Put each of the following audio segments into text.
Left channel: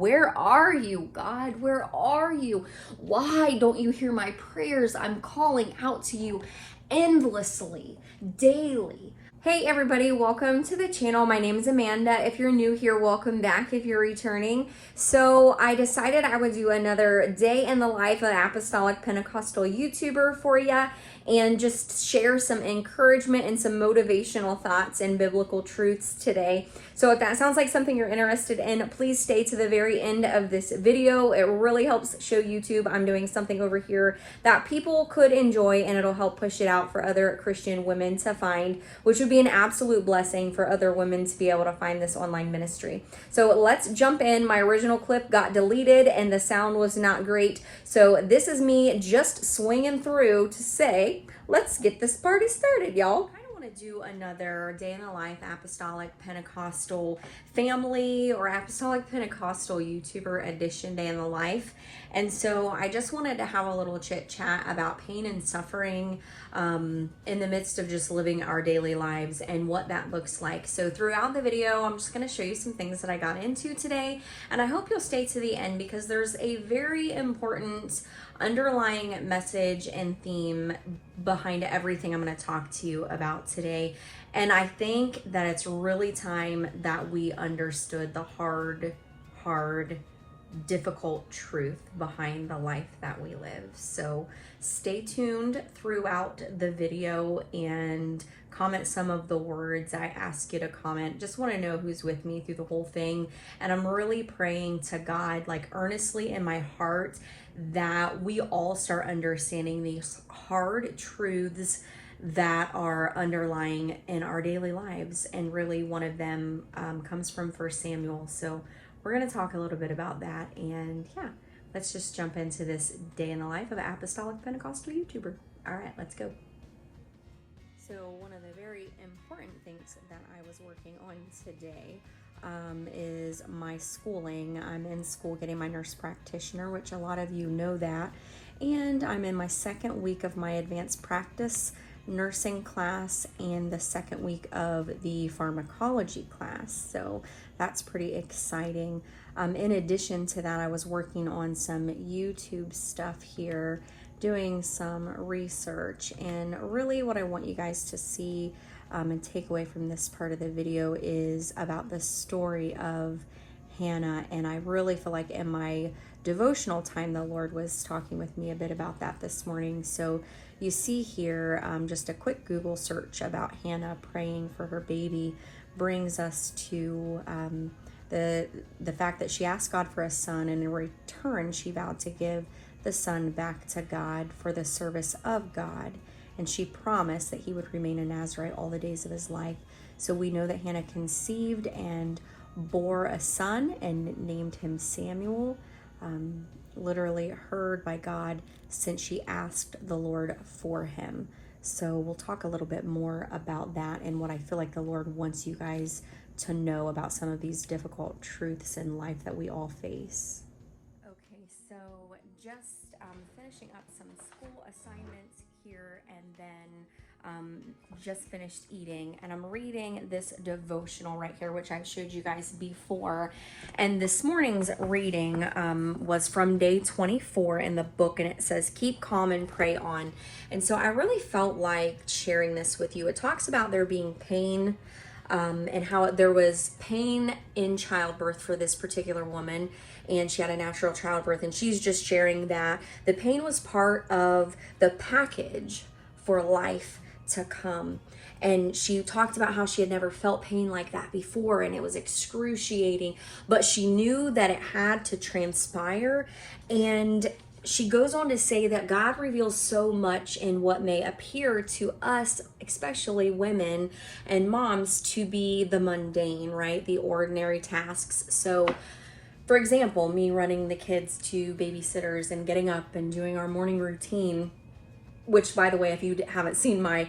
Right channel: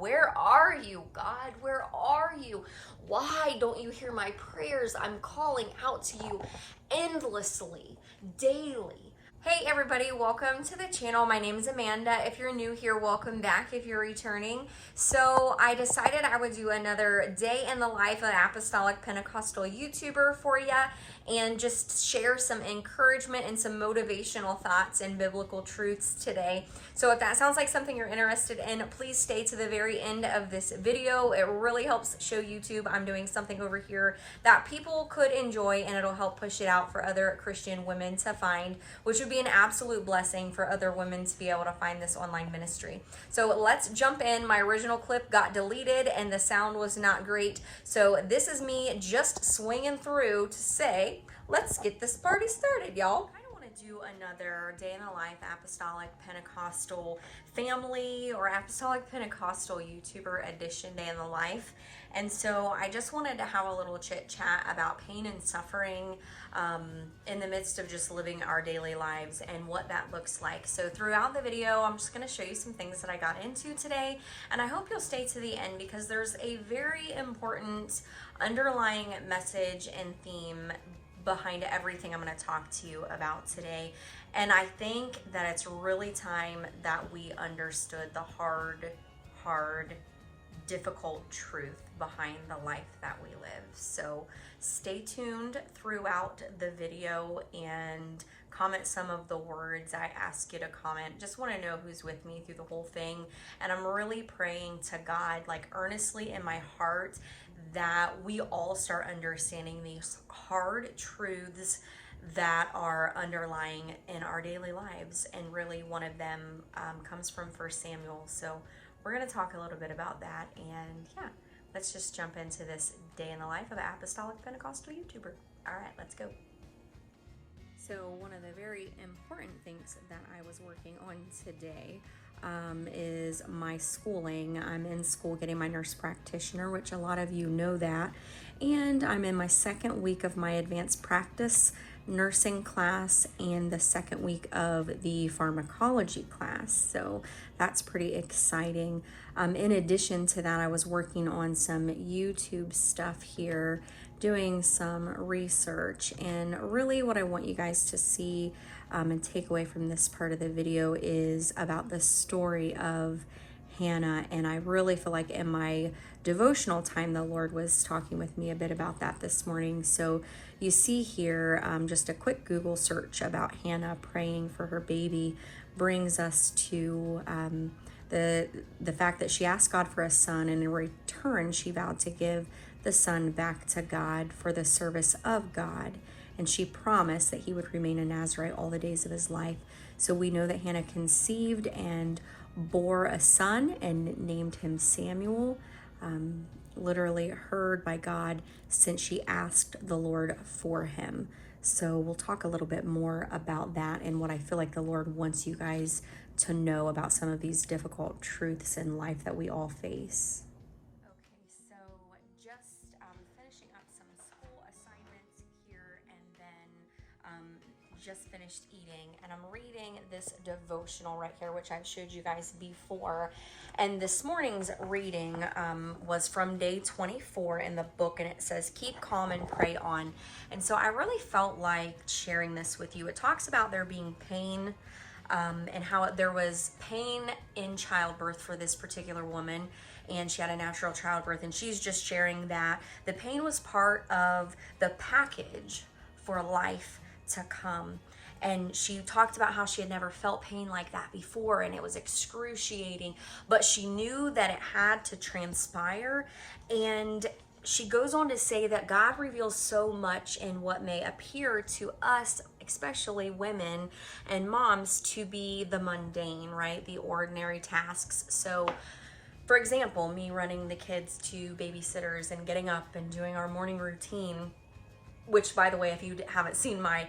Where are you, God? Where are you? Why don't you hear my prayers? I'm calling out to you endlessly, daily. Hey everybody, welcome to the channel. My name is Amanda. If you're new here, welcome back if you're returning. So I decided I would do another day in the life of Apostolic Pentecostal YouTuber for you and just share some encouragement and some motivational thoughts and biblical truths today. So if that sounds like something you're interested in, please stay to the very end of this video. It really helps show YouTube I'm doing something over here that people could enjoy, and it'll help push it out for other Christian women to find, which would be an absolute blessing for other women to be able to find this online ministry. So let's jump in. My original clip got deleted and the sound was not great. So this is me just swinging through to say, let's get this party started, y'all. I want to do another day in the life Apostolic Pentecostal Family or Apostolic Pentecostal YouTuber edition day in the life. And so I just wanted to have a little chit chat about pain and suffering in the midst of just living our daily lives and what that looks like. So throughout the video, I'm just going to show you some things that I got into today, and I hope you'll stay to the end because there's a very important underlying message and theme behind everything I'm going to talk to you about today. And I think that it's really time that we understood the hard, difficult truth behind the life that we live. So stay tuned throughout the video and comment some of the words I ask you to comment. Just want to know who's with me through the whole thing. And I'm really praying to God, like earnestly in my heart, that we all start understanding these hard truths that are underlying in our daily lives. And really one of them comes from 1 Samuel. So we're going to talk a little bit about that, and yeah, let's just jump into this day in the life of an Apostolic Pentecostal YouTuber. All right, let's go. So one of the very important things that I was working on today is my schooling. I'm in school getting my nurse practitioner, which a lot of you know that, and I'm in my second week of my advanced practice nursing class and the second week of the pharmacology class. So that's pretty exciting. In addition to that, I was working on some YouTube stuff here, doing some research, and really what I want you guys to see and take away from this part of the video is about the story of Hannah. And I really feel like in my devotional time, the Lord was talking with me a bit about that this morning. So you see here, just a quick Google search about Hannah praying for her baby brings us to the fact that she asked God for a son, and in return, she vowed to give the son back to God for the service of God. And she promised that he would remain a Nazarite all the days of his life. So we know that Hannah conceived and bore a son and named him Samuel, literally heard by God since she asked the Lord for him. So we'll talk a little bit more about that and what I feel like the Lord wants you guys to know about some of these difficult truths in life that we all face. Okay, so just finishing up some school assignments here, and then just finished eating, and I'm reading this devotional right here, which I've showed you guys before. And this morning's reading was from day 24 in the book, and it says, "Keep calm and pray on." And so I really felt like sharing this with you. It talks about there being pain and how there was pain in childbirth for this particular woman, and she had a natural childbirth, and she's just sharing that the pain was part of the package for life to come. And she talked about how she had never felt pain like that before, and it was excruciating, but she knew that it had to transpire. And she goes on to say that God reveals so much in what may appear to us, especially women and moms, to be the mundane, right? The ordinary tasks. So for example, me running the kids to babysitters and getting up and doing our morning routine, which, by the way, if you haven't seen my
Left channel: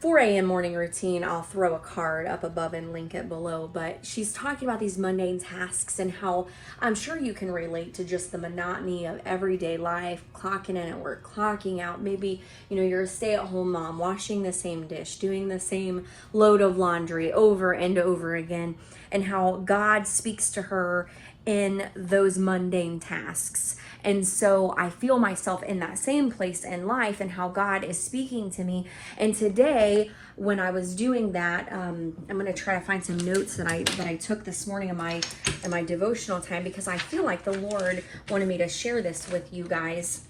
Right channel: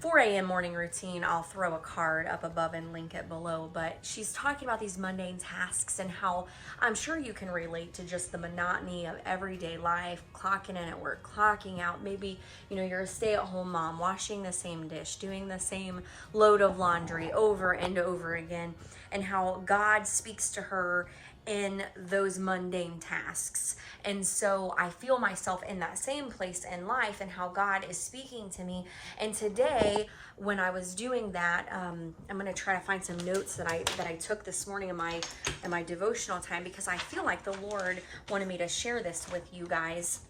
4 a.m. morning routine, I'll throw a card up above and link it below. But she's talking about these mundane tasks and how I'm sure you can relate to just the monotony of everyday life, clocking in at work, clocking out. Maybe, you know, you're a stay-at-home mom, washing the same dish, doing the same load of laundry over and over again, and how God speaks to her in those mundane tasks. And so I feel myself in that same place in life and how God is speaking to me. And today, when I was doing that, I'm going to try to find some notes that I took this morning in my devotional time, because I feel like the Lord wanted me to share this with you guys.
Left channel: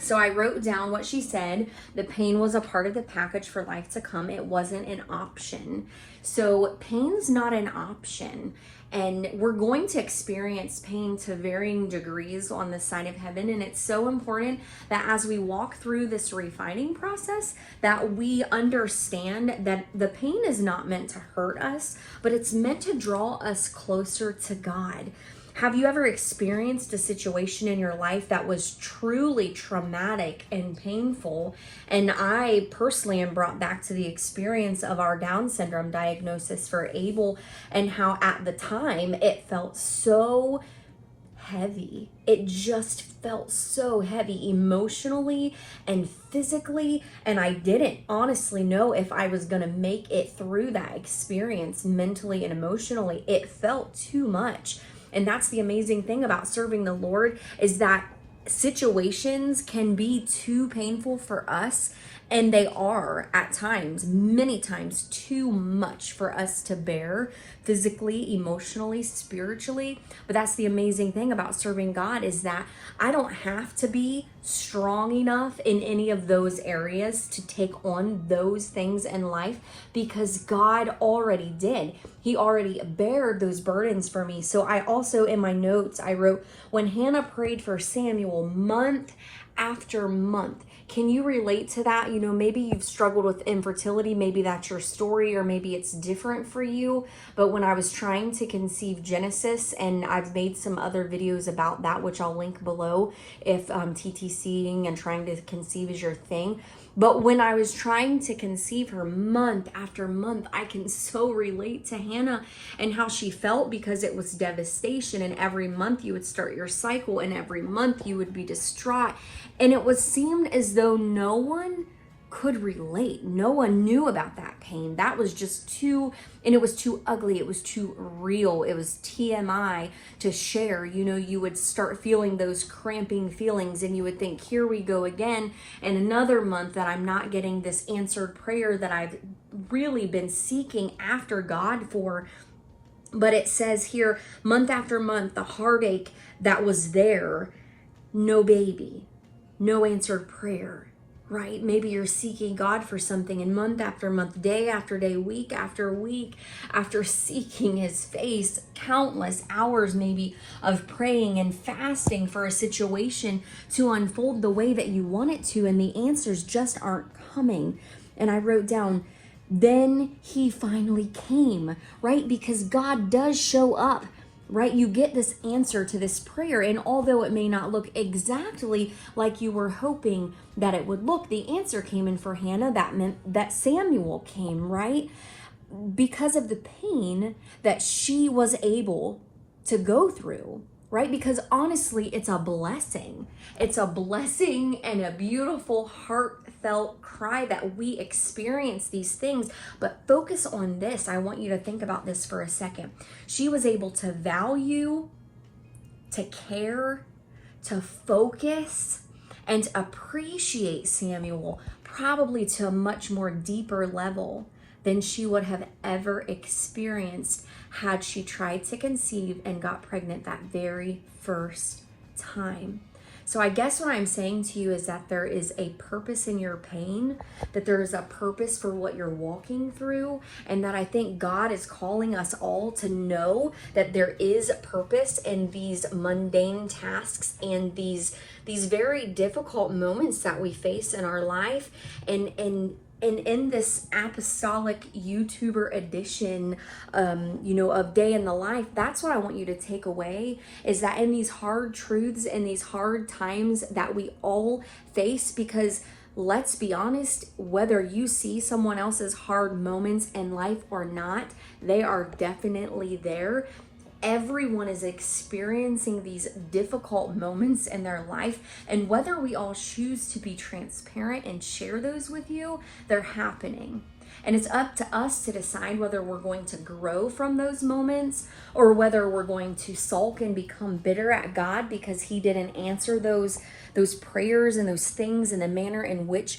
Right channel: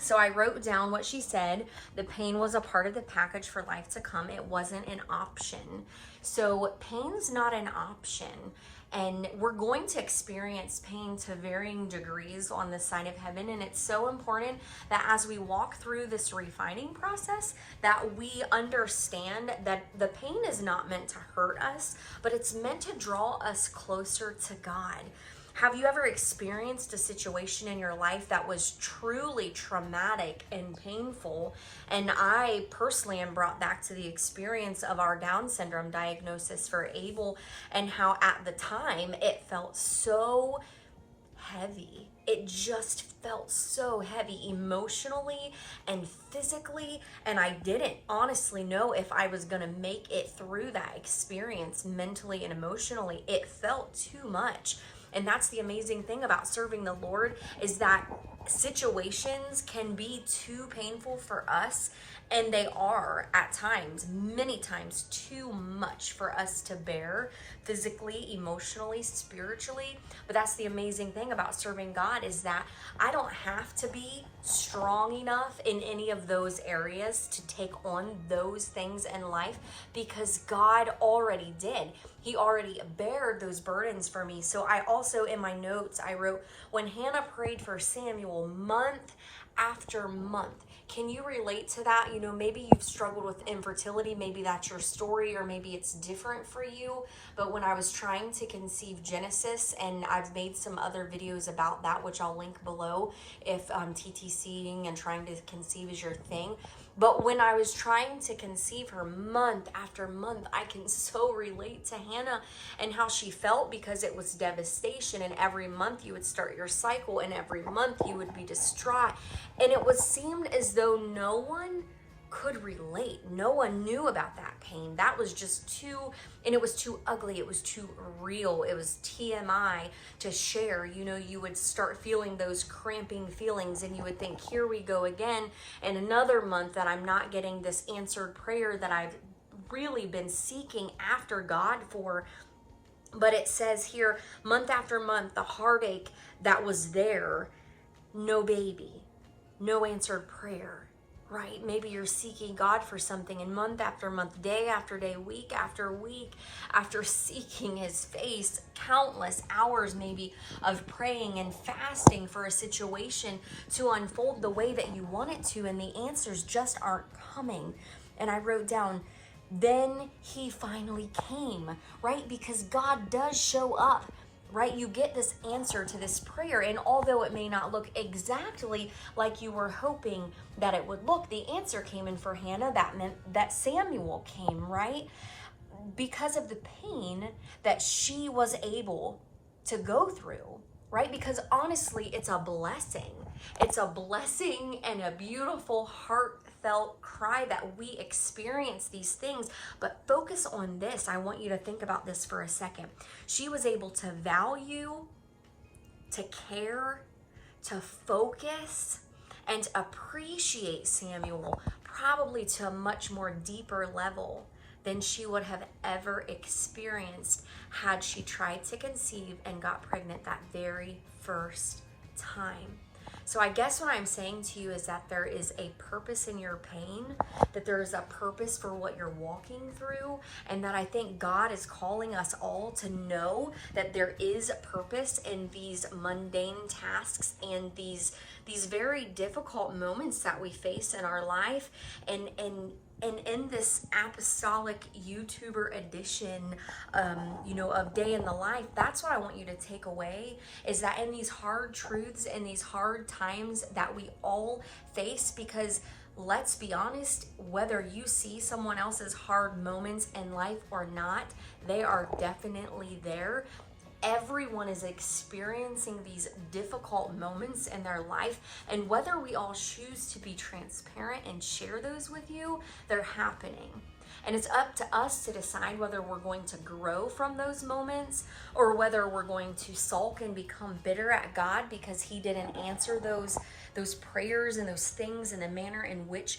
So I wrote down what she said. The pain was a part of the package for life to come. It wasn't an option. So pain's not an option. And we're going to experience pain to varying degrees on this side of heaven. And it's so important that as we walk through this refining process, that we understand that the pain is not meant to hurt us, but it's meant to draw us closer to God. Have you ever experienced a situation in your life that was truly traumatic and painful? And I personally am brought back to the experience of our Down syndrome diagnosis for Abel, and how at the time it felt so heavy. It just felt so heavy emotionally and physically, and I didn't honestly know if I was going to make it through that experience mentally and emotionally. It felt too much. And that's the amazing thing about serving the Lord, is that situations can be too painful for us, and they are at times, many times, too much for us to bear physically, emotionally, spiritually. But that's the amazing thing about serving God, is that I don't have to be strong enough in any of those areas to take on those things in life, because God already did. He already bared those burdens for me. So I also, in my notes, I wrote, when Hannah prayed for Samuel month after month. Can you relate to that? You know, maybe you've struggled with infertility. Maybe that's your story, or maybe it's different for you. But when I was trying to conceive Genesis, and I've made some other videos about that, which I'll link below if TTCing and trying to conceive is your thing. But when I was trying to conceive her month after month, I can so relate to Hannah and how she felt, because it was devastation. And every month you would start your cycle, and every month you would be distraught. And it seemed as though no one could relate. No one knew about that pain. That was just too, and it was too ugly. It was too real. It was TMI to share. You know, you would start feeling those cramping feelings, and you would think, here we go again. And another month that I'm not getting this answered prayer that I've really been seeking after God for. But it says here, month after month, the heartache that was there, no baby, no answered prayer. Right? Maybe you're seeking God for something, and month after month, day after day, week after week, after seeking His face, countless hours maybe of praying and fasting for a situation to unfold the way that you want it to, and the answers just aren't coming. And I wrote down, then He finally came, right? Because God does show up. Right? You get this answer to this prayer, and although it may not look exactly like you were hoping that it would look, the answer came in for Hannah. That meant that Samuel came, right? Because of the pain that she was able to go through, right? Because honestly, it's a blessing. It's a blessing and a beautiful, heartfelt cry that we experience these things. But focus on this. I want you to think about this for a second. She was able to value, to care, to focus, and appreciate Samuel, probably to a much more deeper level than she would have ever experienced had she tried to conceive and got pregnant that very first time. So I guess what I'm saying to you is that there is a purpose in your pain, that there is a purpose for what you're walking through, and that I think God is calling us all to know that there is purpose in these mundane tasks and these very difficult moments that we face in our life. And in this apostolic YouTuber edition, of Day in the Life, that's what I want you to take away, is that in these hard truths and these hard times that we all face, because let's be honest, whether you see someone else's hard moments in life or not, they are definitely there. Everyone is experiencing these difficult moments in their life, and whether we all choose to be transparent and share those with you, they're happening. And it's up to us to decide whether we're going to grow from those moments or whether we're going to sulk and become bitter at God because he didn't answer those prayers and those things in the manner in which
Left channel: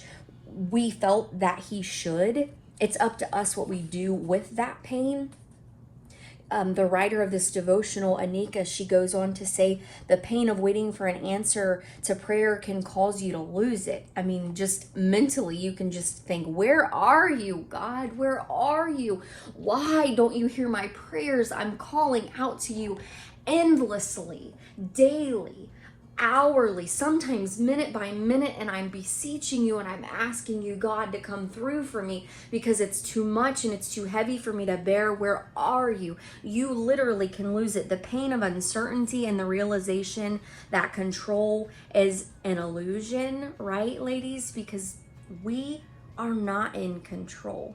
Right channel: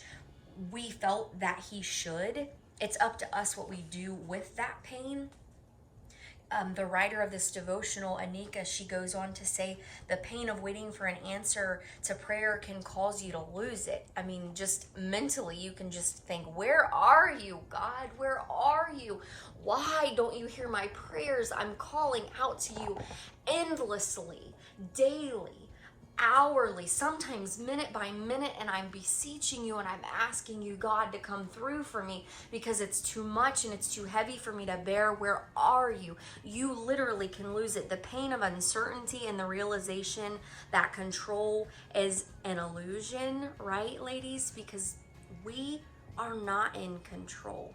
we felt that he should. It's up to us what we do with that pain. The writer of this devotional, Anika, she goes on to say the pain of waiting for an answer to prayer can cause you to lose it. I mean, just mentally, you can just think, where are you, God? Where are you? Why don't you hear my prayers? I'm calling out to you endlessly, daily, hourly, sometimes minute by minute, and I'm beseeching you and I'm asking you, God, to come through for me because it's too much and it's too heavy for me to bear. Where are you? You literally can lose it. The pain of uncertainty and the realization that control is an illusion, right, ladies? Because we are not in control.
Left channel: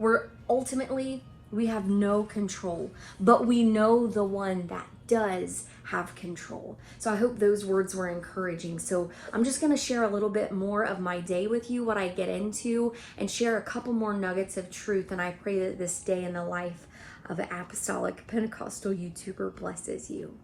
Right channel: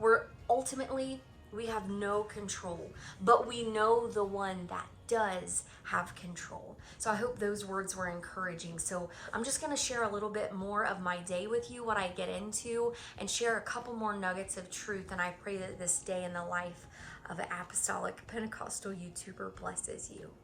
We have no control, but we know the one that does have control. So I hope those words were encouraging. So I'm just going to share a little bit more of my day with you, what I get into, and share a couple more nuggets of truth. And I pray that this day in the life of an Apostolic Pentecostal YouTuber blesses you.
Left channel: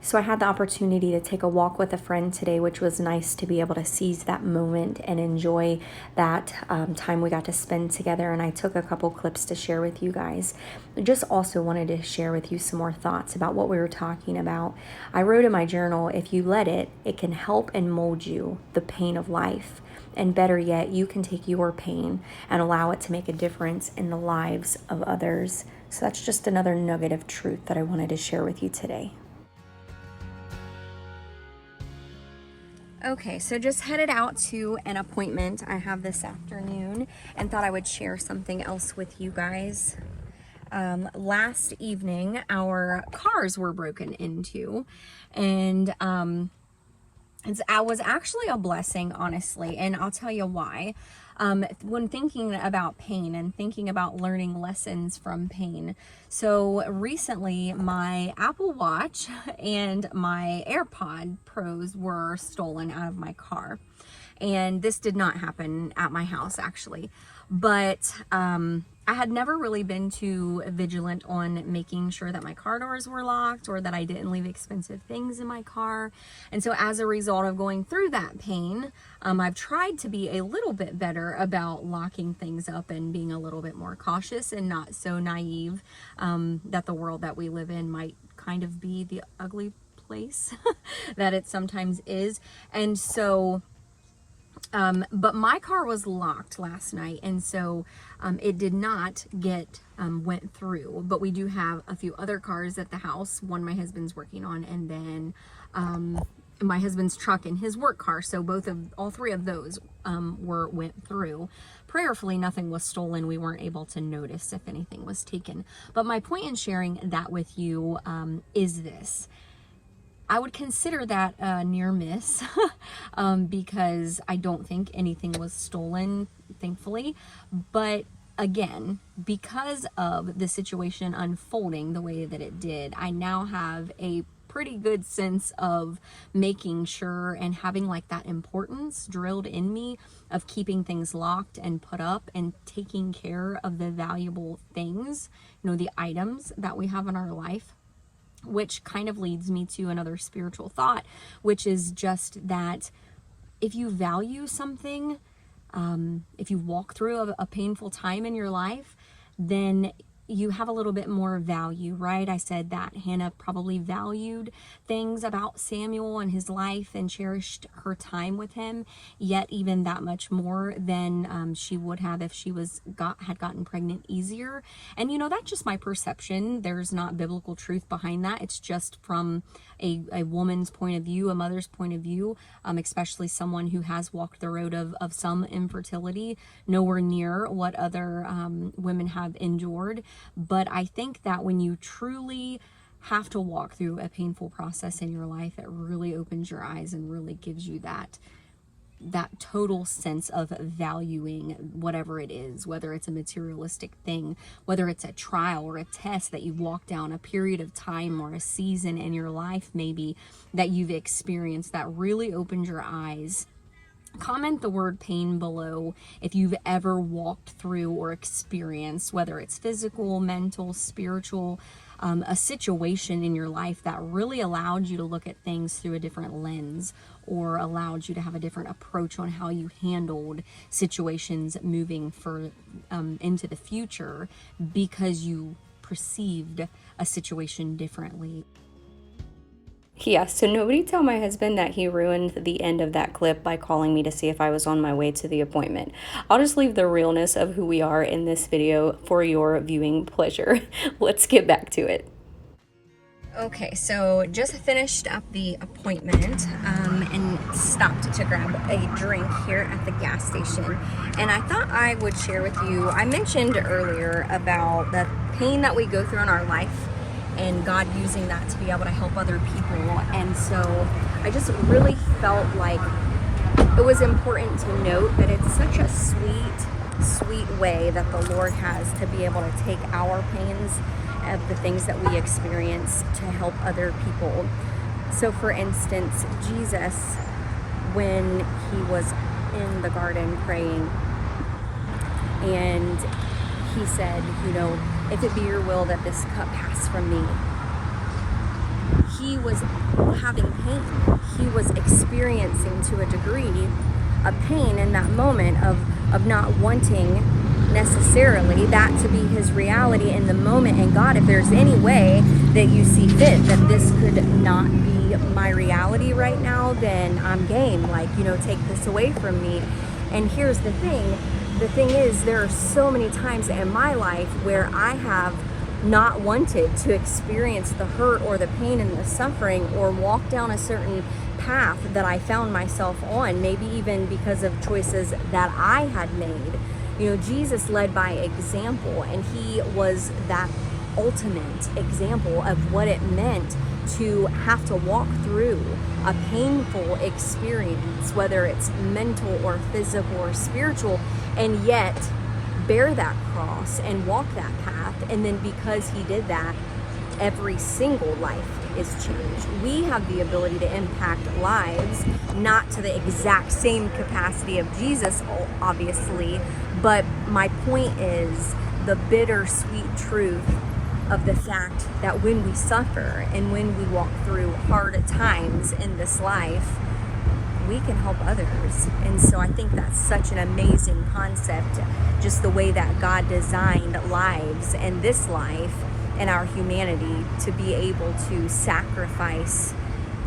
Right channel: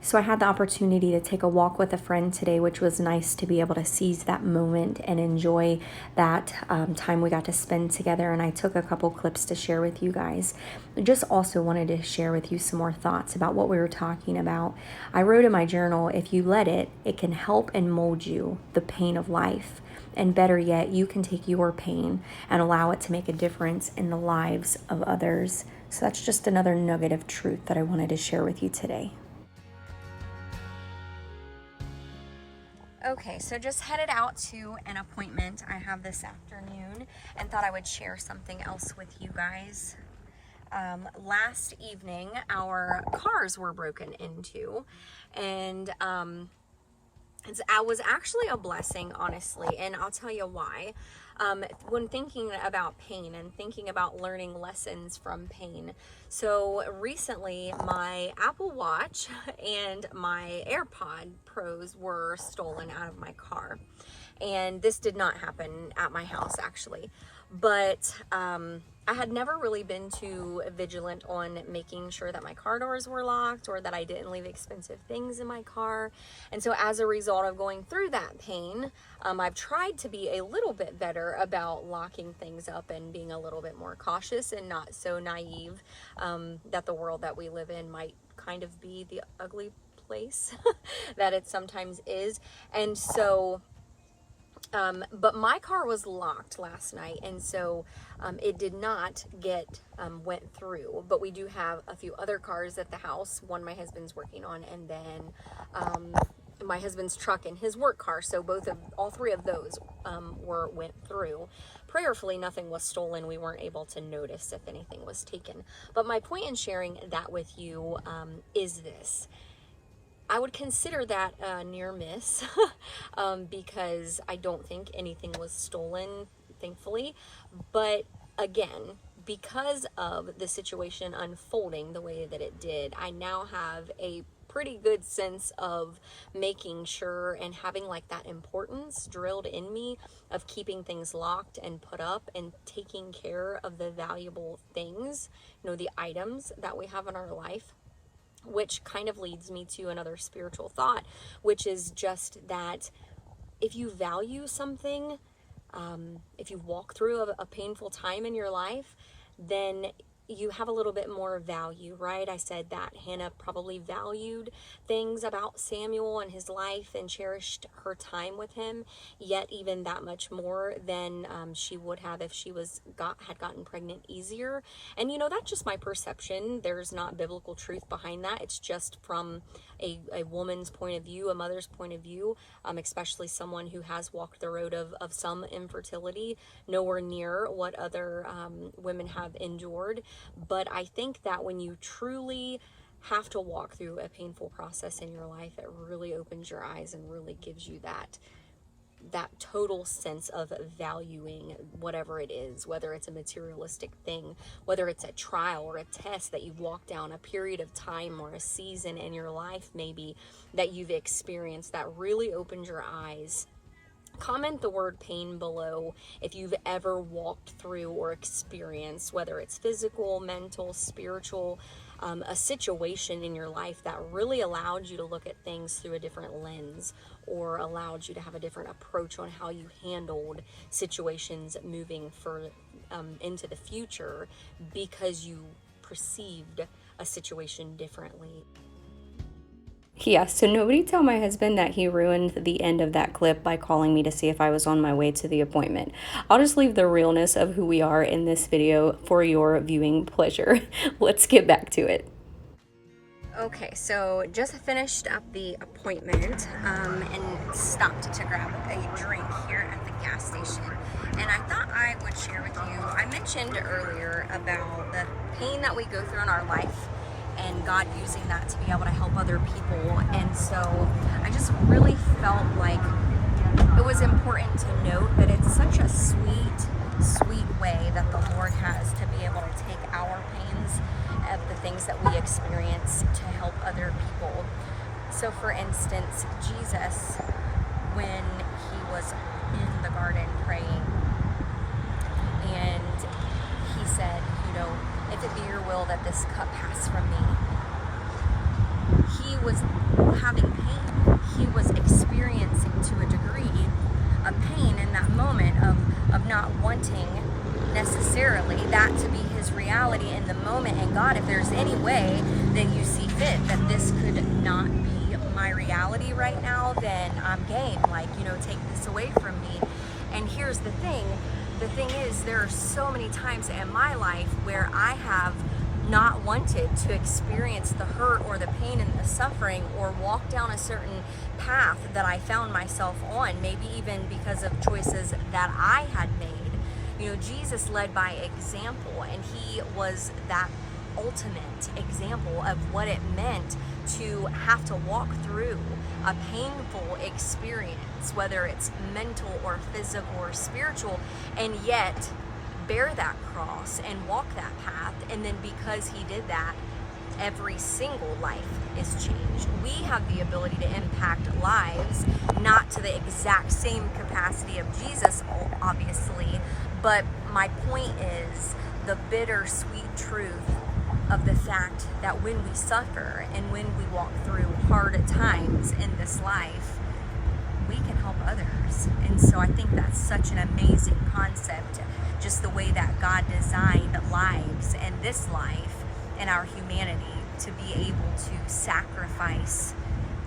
So I had the opportunity to take a walk with a friend today, which was nice to be able to seize that moment and enjoy that time we got to spend together. And I took a couple clips to share with you guys. I just also wanted to share with you some more thoughts about what we were talking about. I wrote in my journal, if you let it, it can help and mold you, the pain of life. And better yet, you can take your pain and allow it to make a difference in the lives of others. So that's just another nugget of truth that I wanted to share with you today. Okay, so just headed out to an appointment I have this afternoon and thought I would share something else with you guys. Last evening, our cars were broken into, and it was actually a blessing, honestly, and I'll tell you why. When thinking about pain and thinking about learning lessons from pain. So recently my Apple Watch and my AirPod Pros were stolen out of my car. And this did not happen at my house, actually. But I had never really been too vigilant on making sure that my car doors were locked or that I didn't leave expensive things in my car. And so as a result of going through that pain, I've tried to be a little bit better about locking things up and being a little bit more cautious and not so naive that the world that we live in might kind of be the ugly place that it sometimes is. And so but my car was locked last night, and so it did not get went through. But we do have a few other cars at the house. One my husband's working on, and then my husband's truck and his work car. So all three of those went through. Prayerfully, nothing was stolen. We weren't able to notice if anything was taken. But my point in sharing that with you is this. I would consider that a near miss because I don't think anything was stolen, thankfully. But again, because of the situation unfolding the way that it did, I now have a pretty good sense of making sure and having like that importance drilled in me of keeping things locked and put up and taking care of the valuable things, the items that we have in our life. Which kind of leads me to another spiritual thought, which is just that if you value something, if you walk through a painful time in your life, then you have a little bit more value, right? I said that Hannah probably valued things about Samuel and his life and cherished her time with him, yet even that much more than she would have if she had gotten pregnant easier. And that's just my perception. There's not biblical truth behind that. It's just from a woman's point of view, a mother's point of view, especially someone who has walked the road of some infertility, nowhere near what other women have endured. But I think that when you truly have to walk through a painful process in your life, it really opens your eyes and really gives you that total sense of valuing whatever it is, whether it's a materialistic thing, whether it's a trial or a test that you've walked down, a period of time or a season in your life maybe that you've experienced that really opened your eyes Comment the word pain below if you've ever walked through or experienced, whether it's physical, mental, spiritual, a situation in your life that really allowed you to look at things through a different lens, or allowed you to have a different approach on how you handled situations moving into the future because you perceived a situation differently. Yeah, so nobody tell my husband that he ruined the end of that clip by calling me to see if I was on my way to the appointment. I'll just leave the realness of who we are in this video for your viewing pleasure. Let's get back to it. Okay, so just finished up the appointment and stopped to grab a drink here at the gas station. And I thought I would share with you, I mentioned earlier about the pain that we go through in our life and God using that to be able to help other people. And so I just really felt like it was important to note that it's such a sweet way that the Lord has to be able to take our pains of the things that we experience to help other people. So for instance, Jesus, when he was in the garden praying, and he said, you know, if it be your will that this cup pass from me. He was having pain. He was experiencing to a degree a pain in that moment of not wanting necessarily that to be his reality in the moment. And God, if there's any way that you see fit that this could not be my reality right now, then I'm game. Like, you know, take this away from me. And here's the thing. The thing is, there are so many times in my life where I have not wanted to experience the hurt or the pain and the suffering, or walk down a certain path that I found myself on, maybe even because of choices that I had made. You know, Jesus led by example, and he was that ultimate example of what it meant to have to walk through a painful experience, whether it's mental or physical or spiritual, and yet bear that cross and walk that path. And then because he did that, every single life is changed. We have the ability to impact lives, not to the exact same capacity of Jesus, obviously, but my point is the bittersweet truth of the fact that when we suffer and when we walk through hard times in this life, we can help others. And so I think that's such an amazing concept, just the way that God designed lives and this life and our humanity to be able to sacrifice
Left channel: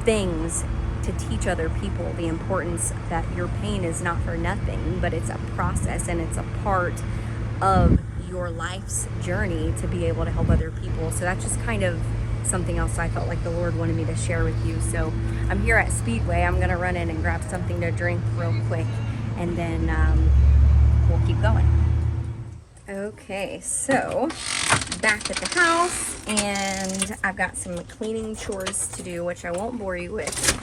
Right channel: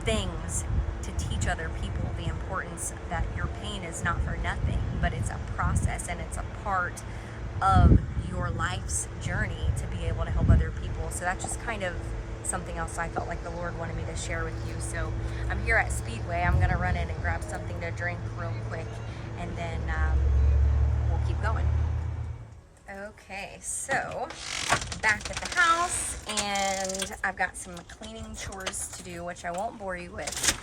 things to teach other people the importance that your pain is not for nothing, but it's a process and it's a part of your life's journey to be able to help other people. So that's just kind of something else I felt like the Lord wanted me to share with you. So I'm here at Speedway. I'm gonna run in and grab something to drink real quick, and then we'll keep going. Okay, so back at the house, and I've got some cleaning chores to do, which I won't bore you with.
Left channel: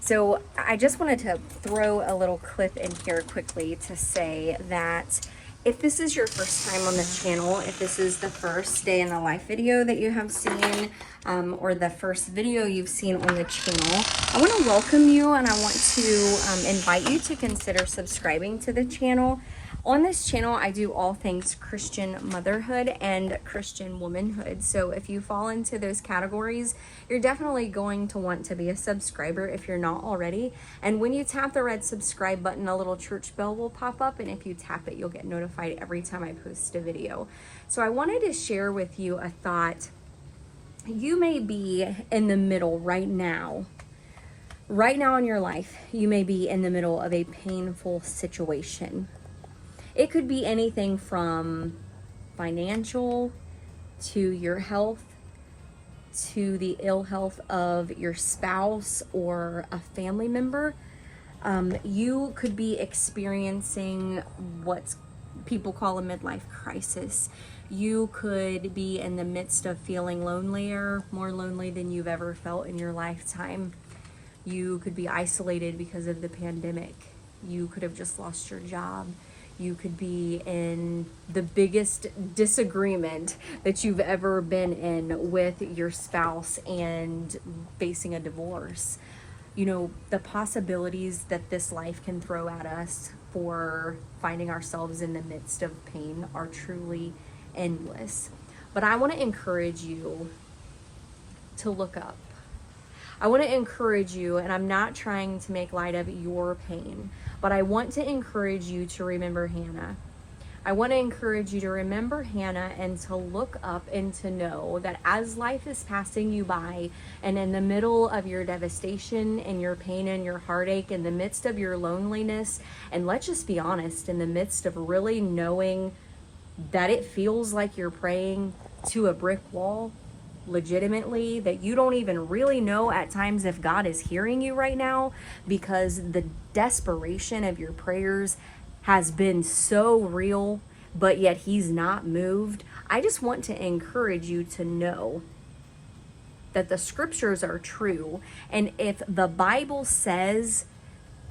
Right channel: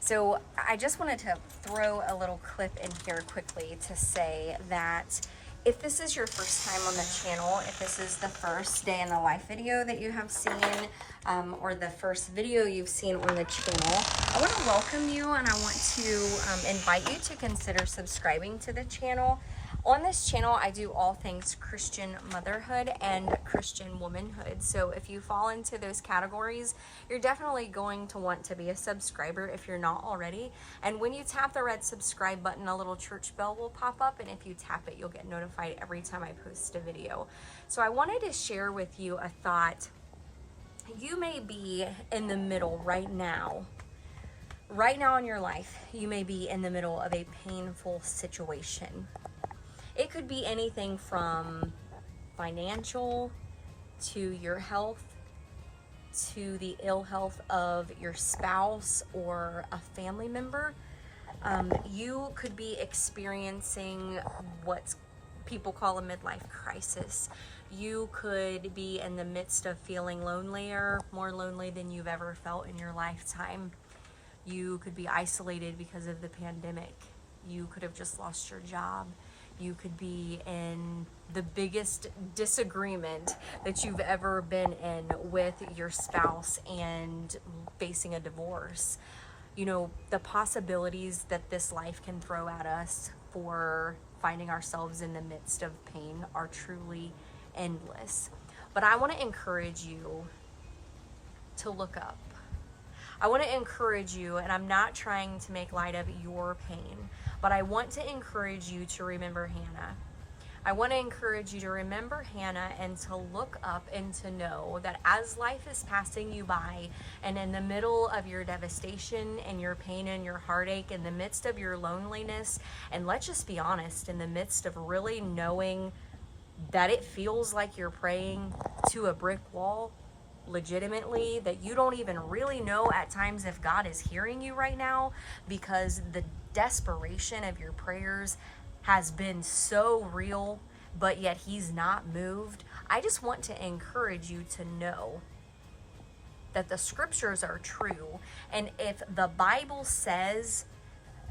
So I just wanted to throw a little clip in here quickly to say that if this is your first time on the channel, if this is the first day in the life video that you have seen, or the first video you've seen on the channel, I want to welcome you, and I want to invite you to consider subscribing to the channel. On this channel, I do all things Christian motherhood and Christian womanhood. So if you fall into those categories, you're definitely going to want to be a subscriber if you're not already. And when you tap the red subscribe button, a little church bell will pop up. And if you tap it, you'll get notified every time I post a video. So I wanted to share with you a thought. You may be in the middle right now in your life. You may be in the middle of a painful situation. It could be anything from financial to your health, to the ill health of your spouse or a family member. You could be experiencing what people call a midlife crisis. You could be in the midst of feeling lonelier, more lonely than you've ever felt in your lifetime. You could be isolated because of the pandemic. You could have just lost your job. You could be in the biggest disagreement that you've ever been in with your spouse and facing a divorce. the possibilities that this life can throw at us for finding ourselves in the midst of pain are truly endless. But I want to encourage you to look up. I want to encourage you, and I'm not trying to make light of your pain, but I want to encourage you to remember Hannah. I want to encourage you to remember Hannah and to look up and to know that as life is passing you by, and in the middle of your devastation and your pain and your heartache, in the midst of your loneliness, and let's just be honest, in the midst of really knowing that it feels like you're praying to a brick wall, legitimately, that you don't even really know at times if God is hearing you right now, because the desperation of your prayers has been so real, but yet He's not moved. I just want to encourage you to know that the scriptures are true. And if the Bible says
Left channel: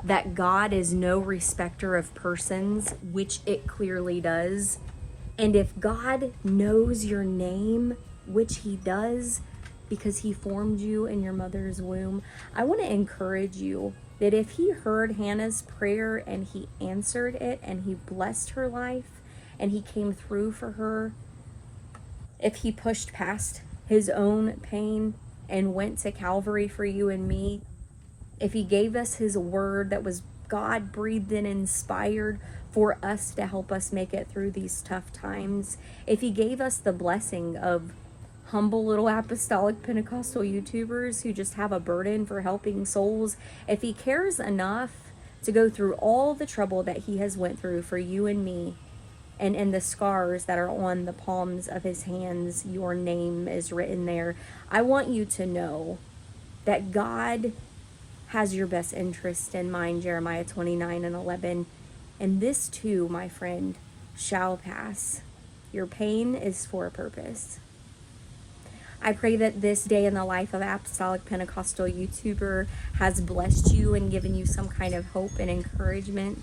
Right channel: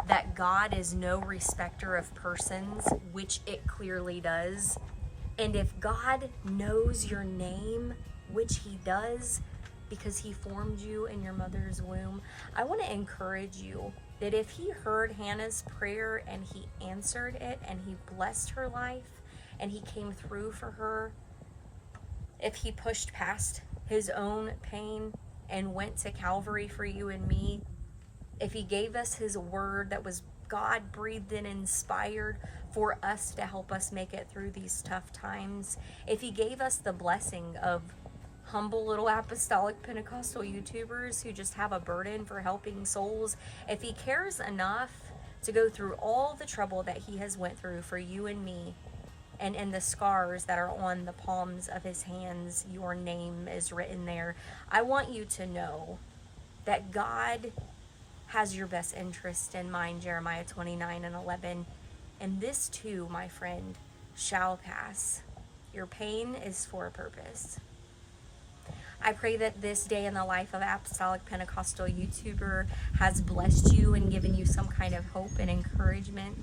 that God is no respecter of persons, which it clearly does, and if God knows your name, which He does because He formed you in your mother's womb, I want to encourage you that if He heard Hannah's prayer and He answered it and He blessed her life and He came through for her, if He pushed past His own pain and went to Calvary for you and me, if He gave us His word that was God breathed and inspired for us to help us make it through these tough times, if He gave us the blessing of humble little Apostolic Pentecostal YouTubers who just have a burden for helping souls, if He cares enough to go through all the trouble that He has went through for you and me, and in the scars that are on the palms of His hands, your name is written there, I want you to know that God has your best interest in mind, Jeremiah 29:11. And this too, my friend, shall pass. Your pain is for a purpose. I pray that this day in the life of Apostolic Pentecostal YouTuber has blessed you and given you some kind of hope and encouragement.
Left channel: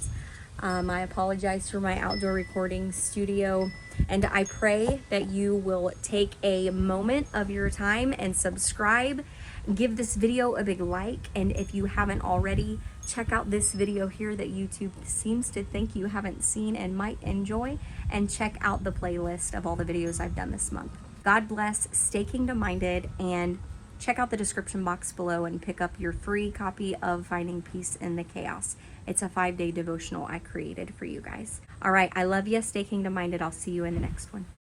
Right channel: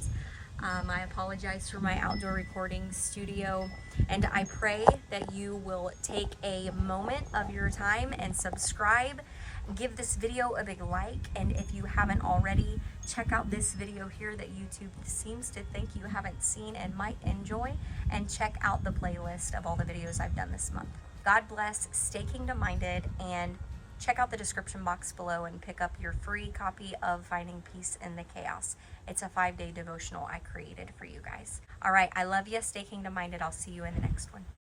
I apologize for my outdoor recording studio, and I pray that you will take a moment of your time and subscribe. Give this video a big like, and if you haven't already, check out this video here that YouTube seems to think you haven't seen and might enjoy, and check out the playlist of all the videos I've done this month. God bless, stay kingdom minded, and check out the description box below and pick up your free copy of Finding Peace in the Chaos. It's a 5-day devotional I created for you guys. All right, I love you. Stay kingdom minded. I'll see you in the next one.